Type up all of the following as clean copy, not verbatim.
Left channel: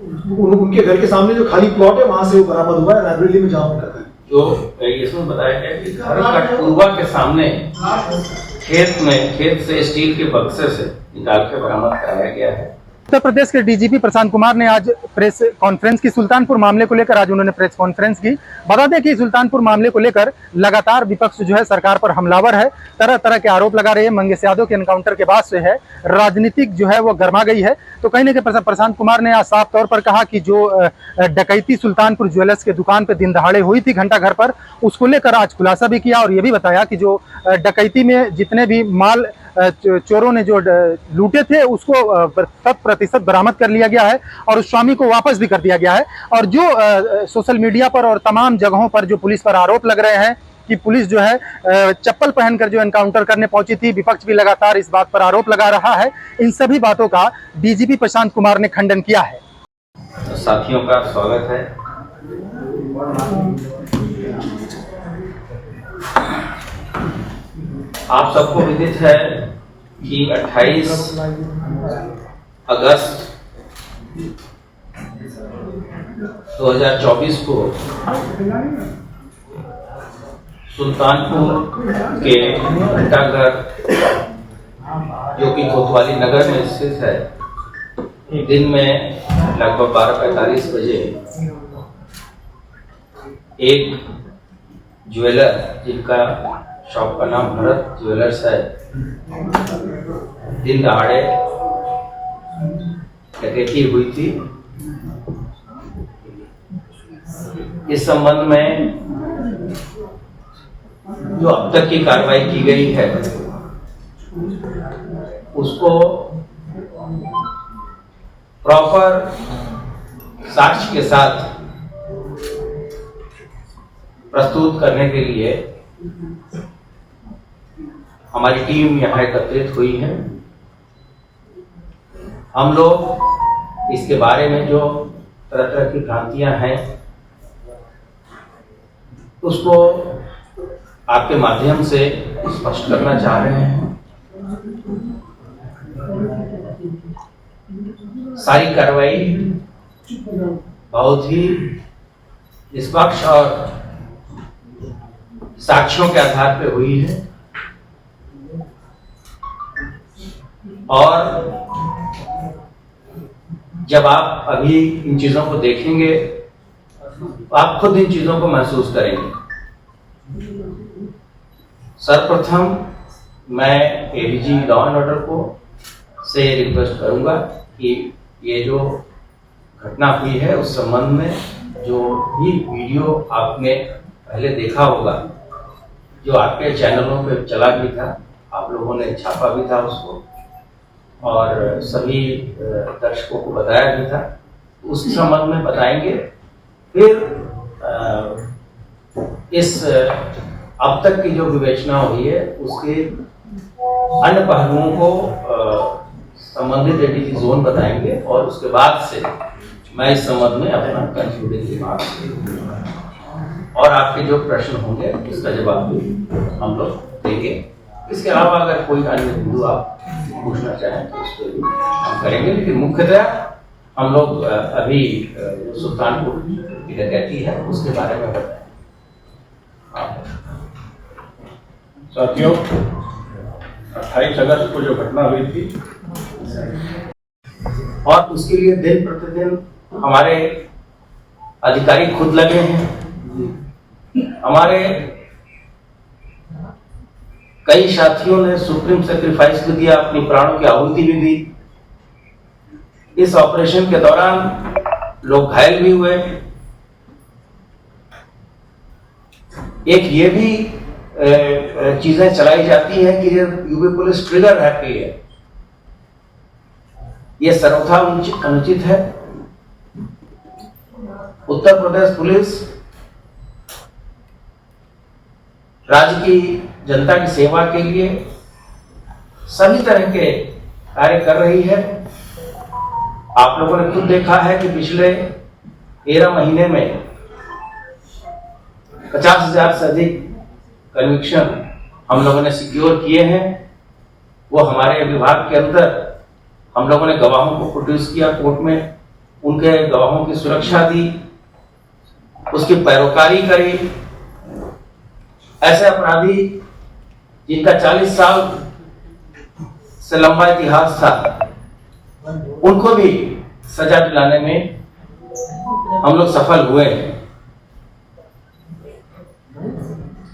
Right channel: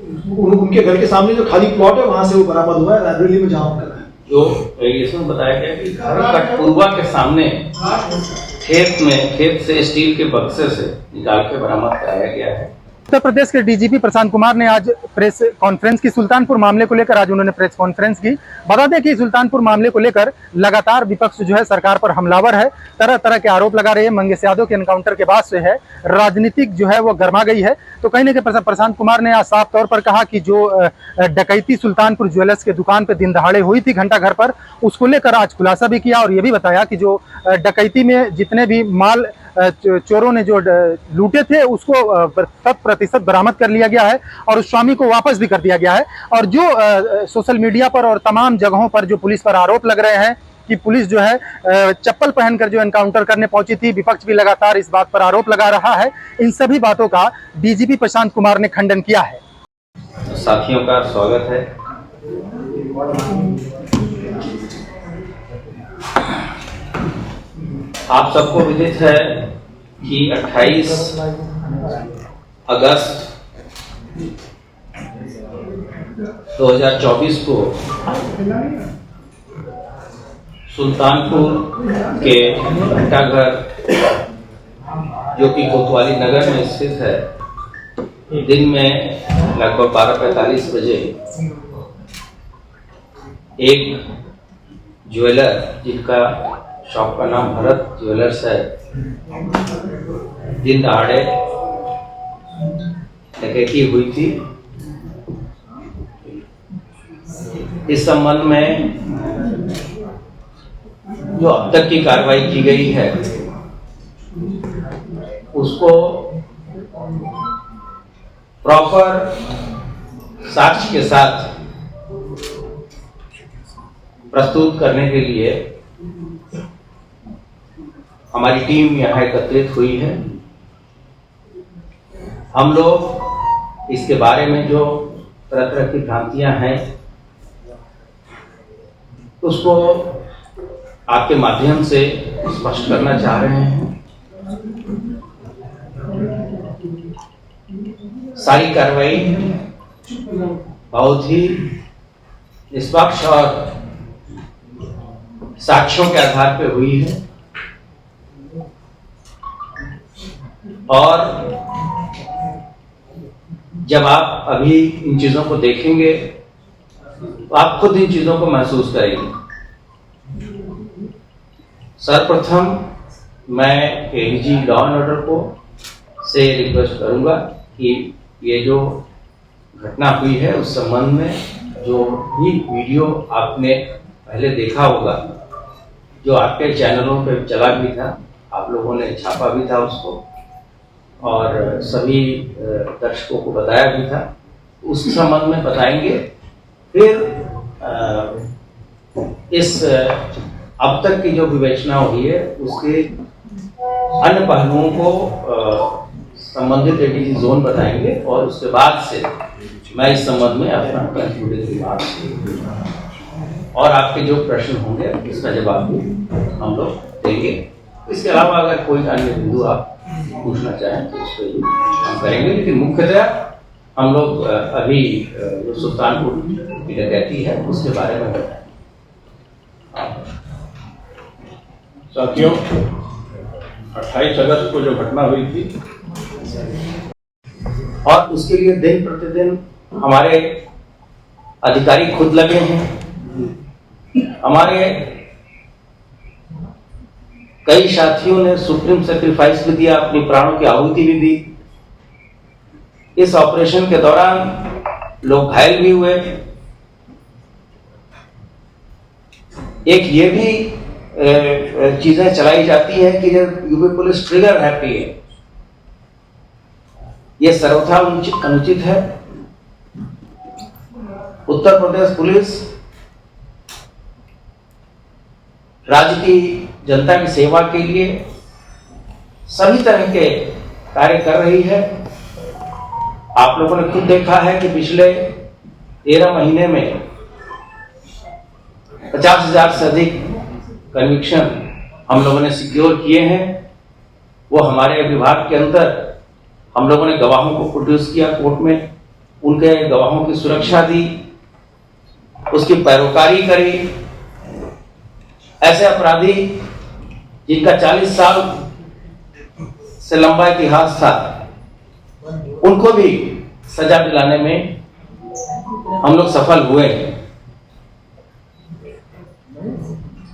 उनके घर के सामने जो खाली प्लॉट है वहां से वो बरामद हुआ है, लाइब्रेरी में जहां उनका था। जो इसमें बताया गया कि घर कटपुरवा के सामने खेत से स्टील के बक्से से निकाल के बरामद कराया गया है। उत्तर प्रदेश के डीजीपी प्रशांत कुमार ने आज प्रेस कॉन्फ्रेंस की। सुल्तानपुर मामले को लेकर आज उन्होंने प्रेस कॉन्फ्रेंस की। बता दें कि सुल्तानपुर मामले को लेकर लगातार विपक्ष जो है सरकार पर हमलावर है, तरह तरह के आरोप लगा रहे हैं। मंगेश यादव के एनकाउंटर के बाद से है राजनीतिक जो है वो गर्मा गई है। तो कहीं ना कहीं प्रशांत कुमार ने आज साफ तौर पर कहा कि जो डकैती सुल्तानपुर ज्वेलर्स के दुकान पर दिन दहाड़े हुई थी घंटा घर पर, उसको लेकर आज खुलासा भी किया और ये भी बताया कि जो डकैती में जितने भी माल चोरों ने जो लूटे थे उसको 100% बरामद कर लिया गया है और उस स्वामी को वापस भी कर दिया गया है। और जो सोशल मीडिया पर और तमाम जगहों पर जो पुलिस पर आरोप लग रहे हैं कि पुलिस जो है चप्पल पहनकर जो एनकाउंटर करने पहुंची थी, विपक्ष भी लगातार इस बात पर आरोप लगा रहा है। इन सभी बातों का डीजीपी प्रशांत कुमार ने खंडन किया है। साथियों का स्वागत है। आप सबको विदित है कि 28 अगस्त 2024 को सुल्तानपुर के घंटाघर जो कि कोतवाली नगर में स्थित है, दिन में लगभग 12:45 बजे एक ज्वेलर जिनका शॉप का नाम भरत ज्वेलर्स है, दिन दहाड़े डकैती हुई थी। इस संबंध में जो अब तक की कार्रवाई की गई है उसको प्रॉपर साक्ष्य के साथ प्रस्तुत करने के लिए हमारी टीम यहाँ एकत्रित हुई है। हम लोग इसके बारे में जो तरह तरह की भ्रांतियां हैं उसको आपके माध्यम से स्पष्ट करना चाह रहे हैं। सारी कार्रवाई बहुत ही निष्पक्ष और साक्ष्यों के आधार पर हुई है और जब आप अभी इन चीजों को देखेंगे तो आप खुद इन चीजों को महसूस करेंगे। सर्वप्रथम मैं एडीजी लॉ एंड ऑर्डर को से रिक्वेस्ट करूंगा कि ये जो घटना हुई है उस संबंध में जो भी वीडियो आपने पहले देखा होगा, जो आपके चैनलों पे चला भी था, आप लोगों ने छापा भी था उसको और सभी दर्शकों को बताया भी था, उस संबंध में बताएंगे। फिर इस अब तक की जो विवेचना हुई है उसके अन्य पहलुओं को संबंधित एडीजी जोन बताएंगे और उसके बाद से मैं इस संबंध में अपना कंक्लूडिंग रिमार्क्स और आपके जो प्रश्न होंगे उसका जवाब भी हम लोग देंगे। इसके अलावा अगर कोई अन्य बिंदु आप पूछना चाहें तो उसको भी हम करेंगे, लेकिन मुख्यतः हम लोग अभी जो सुल्तानपुर की डकैती है उसके बारे में बताएं। साथियों, 28 अगस्त को जो घटना हुई थी और उसके लिए दिन प्रतिदिन हमारे अधिकारी खुद लगे हैं। हमारे कई साथियों ने सुप्रीम सेक्रीफाइस भी दिया, अपनी प्राणों की आहुति भी दी। इस ऑपरेशन के दौरान लोग घायल भी हुए। एक ये भी चीजें चलाई जाती है कि यूपी पुलिस ट्रिगर हैप्पी है, ये सर्वथा अनुचित है। उत्तर प्रदेश पुलिस राज्य की जनता की सेवा के लिए सभी तरह के कार्य कर रही है। आप लोगों ने खुद देखा है कि पिछले 13 महीने में 50,000 से अधिक कन्विक्शन हम लोगों ने सिक्योर किए हैं। वो हमारे विभाग के अंदर हम लोगों ने गवाहों को प्रोड्यूस किया कोर्ट में उनके गवाहों की सुरक्षा दी, उसकी पैरोकारी करी। ऐसे अपराधी जिनका 40 साल से लंबा इतिहास था, उनको भी सजा दिलाने में हम लोग सफल हुए हैं।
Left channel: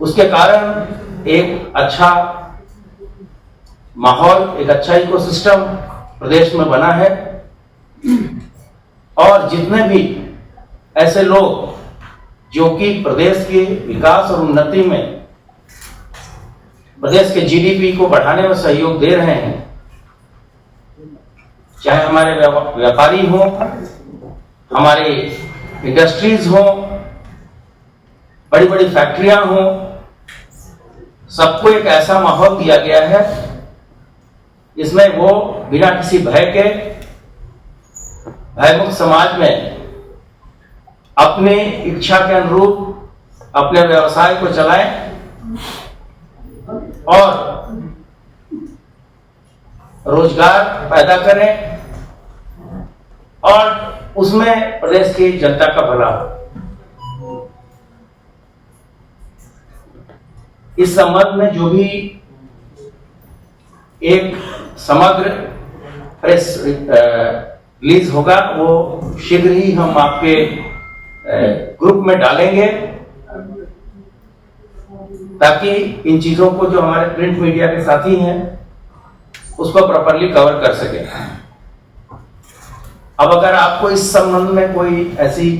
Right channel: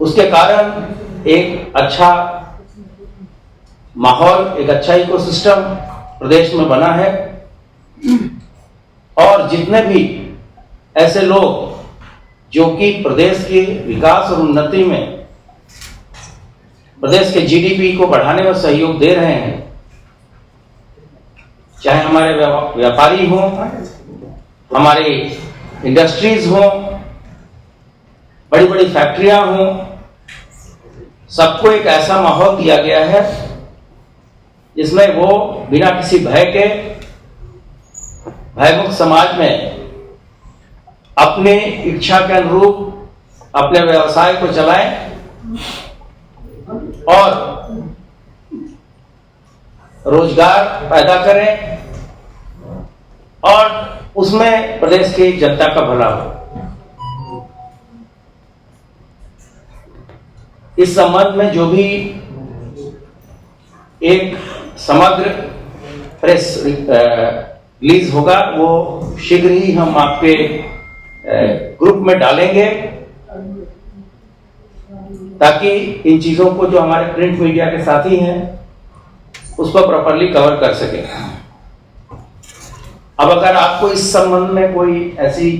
उसके कारण एक अच्छा माहौल, एक अच्छा इकोसिस्टम प्रदेश में बना है और जितने भी ऐसे लोग जो कि प्रदेश के विकास और उन्नति में, प्रदेश के जीडीपी को बढ़ाने में सहयोग दे रहे हैं, चाहे हमारे व्यापारी हों, हमारे इंडस्ट्रीज हों, बड़ी बड़ी फैक्ट्रियां हों, सबको एक ऐसा माहौल दिया गया है जिसमें वो बिना किसी भय के, भयमुक्त समाज में अपने इच्छा के अनुरूप अपने व्यवसाय को चलाएं और रोजगार पैदा करें और उसमें प्रदेश की जनता का भला हो। इस संबंध में जो भी एक समग्र प्रेस रिलीज होगा वो शीघ्र ही हम आपके ग्रुप में डालेंगे, ताकि इन चीजों को जो हमारे प्रिंट मीडिया के साथी हैं उसको प्रॉपरली कवर कर सके। अब अगर आपको इस संबंध में कोई ऐसी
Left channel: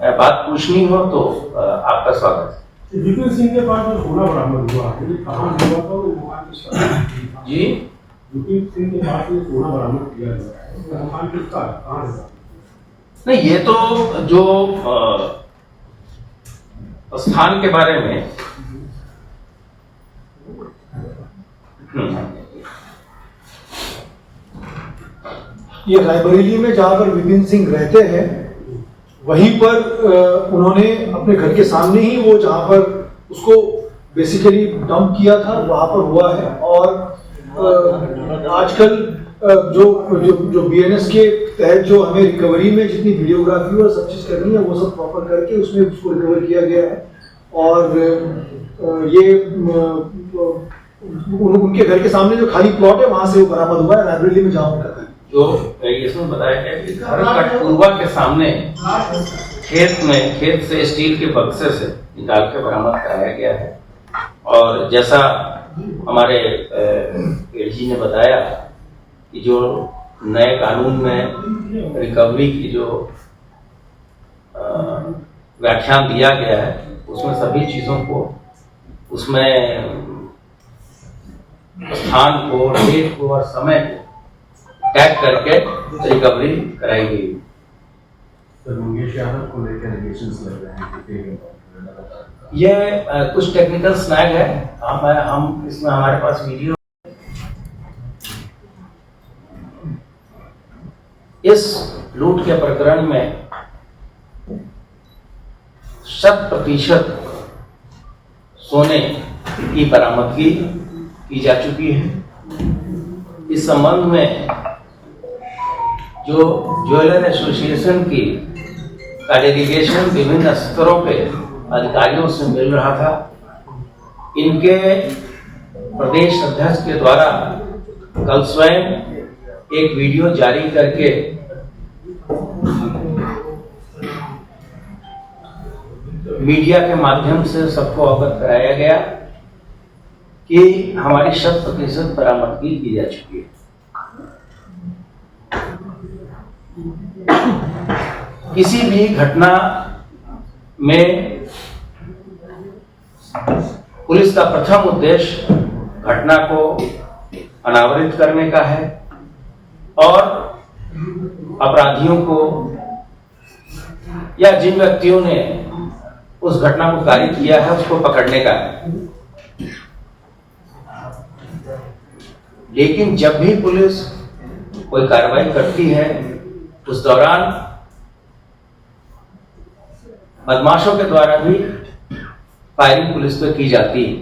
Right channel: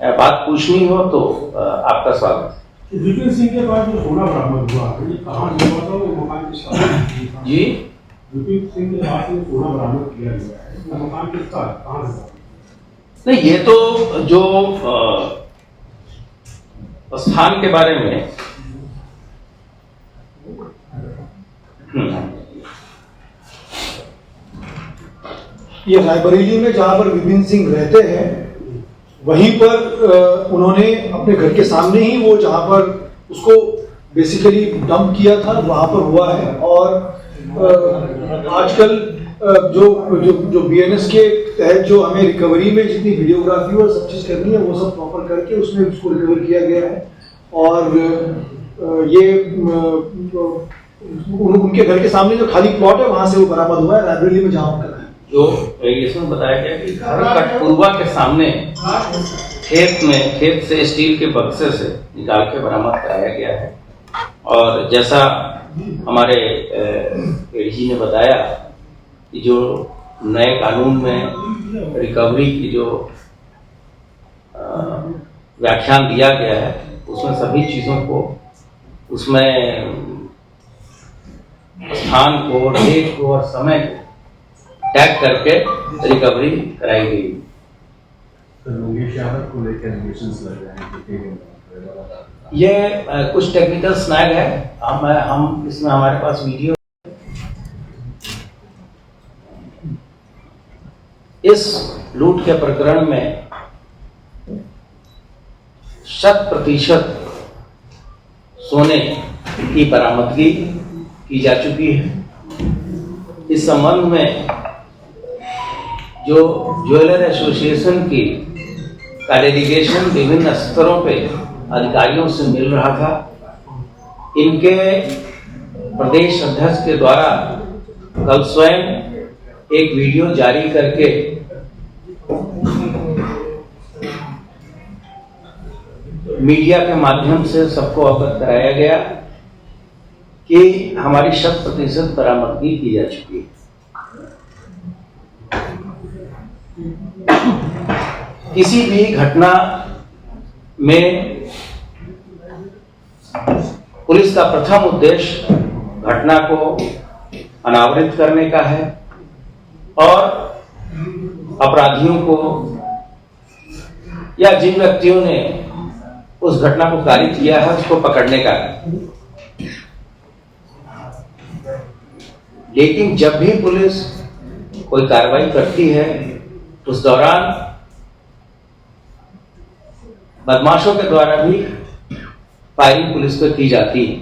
बात पूछनी हो तो आपका स्वागत है। विपिन सिंह के पास जो सोना बरामद हुआ है, कहाँ से हुआ था वो मकान किसका? जी, विपिन सिंह के पास जो सोना बरामद किया गया है वो मकान किसका, कहाँ से? नहीं, ये तो जो स्थान के बारे में ये रायबरेली में जहां पर विपिन सिंह रहते हैं, वहीं पर उन्होंने अपने घर के सामने ही वो जहां पर उसको बेसिकली डंप किया था वहां पर हुआ है। और आजकल जो जो जो बीएनएस के तहत जो हमें रिकवरी में जितनी वीडियोग्राफी और सब चीज करनी है वो सब प्रॉपर करके उसमें उसको रिकवर किया गया है। और ये उनके घर के सामने जो खाली प्लॉट है वहां से वो बरामद हुआ है, रायबरेली में जहां उनका घर। जो इसमें बताया गया कि घर कटपुरवा के सामने खेत से स्टील के बक्से से निकाल के बरामद कराया गया है। और जैसा हमारे एडीजी ने बताया कि जो नए कानून में रिकवरी की जो व्याख्यान दिया गया है उसमें सभी चीजों को, उसमें स्थान को, डेट को और समय को टैग करके रिकवरी कराई गई। ये कुछ टेक्निकल स्नैग है, हम इसमें हमारे पास वीडियो। इस लूट के प्रकरण में 100% सोने की बरामदगी की जा चुकी है। इस संबंध में जो ज्वेलर एसोसिएशन की का डेलीगेशन विभिन्न स्तरों पे अधिकारियों से मिल रहा था, इनके प्रदेश अध्यक्ष के द्वारा कल स्वयं एक वीडियो जारी करके मीडिया के माध्यम से सबको अवगत कराया गया कि हमारी 100% बरामदगी की जा चुकी है। किसी भी घटना में पुलिस का प्रथम उद्देश्य घटना को अनावृत करने का है और अपराधियों को या जिन व्यक्तियों ने उस घटना को कारित किया है उसको पकड़ने का है। लेकिन जब भी पुलिस कोई कार्रवाई करती है उस दौरान बदमाशों के द्वारा भी फायरिंग पुलिस पर की जाती है।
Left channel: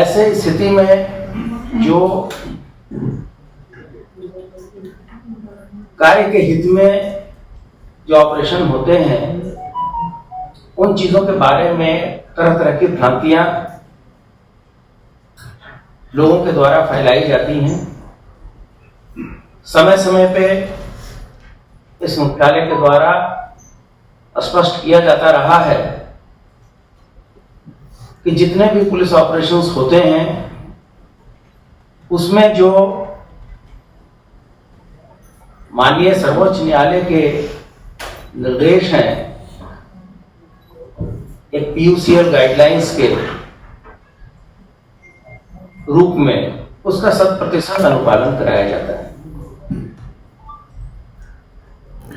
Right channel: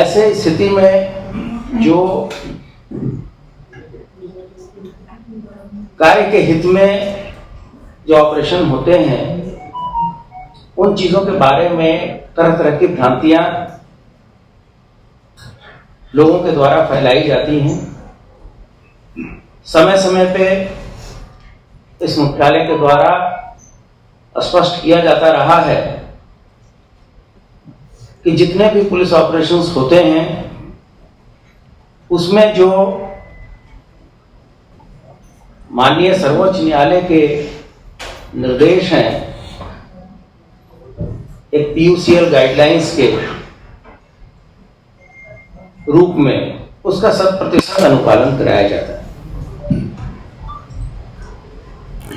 ऐसे स्थिति में जो कार्य के हित में जो ऑपरेशन होते हैं उन चीजों के बारे में तरह तरह की भ्रांतियां लोगों के द्वारा फैलाई जाती हैं। समय समय पे इस मुख्यालय के द्वारा स्पष्ट किया जाता रहा है कि जितने भी पुलिस ऑपरेशंस होते हैं उसमें जो माननीय सर्वोच्च न्यायालय के निर्देश हैं एक PUCL गाइडलाइंस के रूप में उसका 100% अनुपालन कराया जाता है।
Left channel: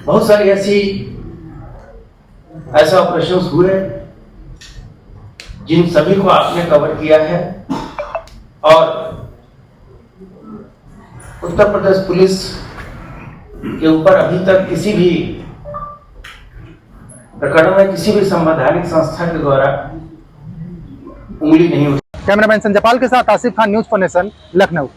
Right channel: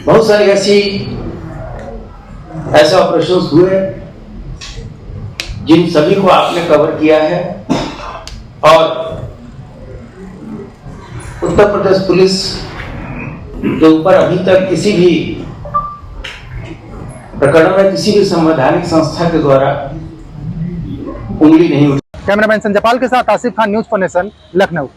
बहुत सारे ऐसे ऑपरेशंस हुए जिन सभी को आपने कवर किया है और उत्तर प्रदेश पुलिस के ऊपर अभी तक किसी भी प्रकरण में किसी भी संवैधानिक संस्था के द्वारा उंगली नहीं उठी। कैमरामैन संजय पाल के साथ Asif Khan, news for nation, Lucknow.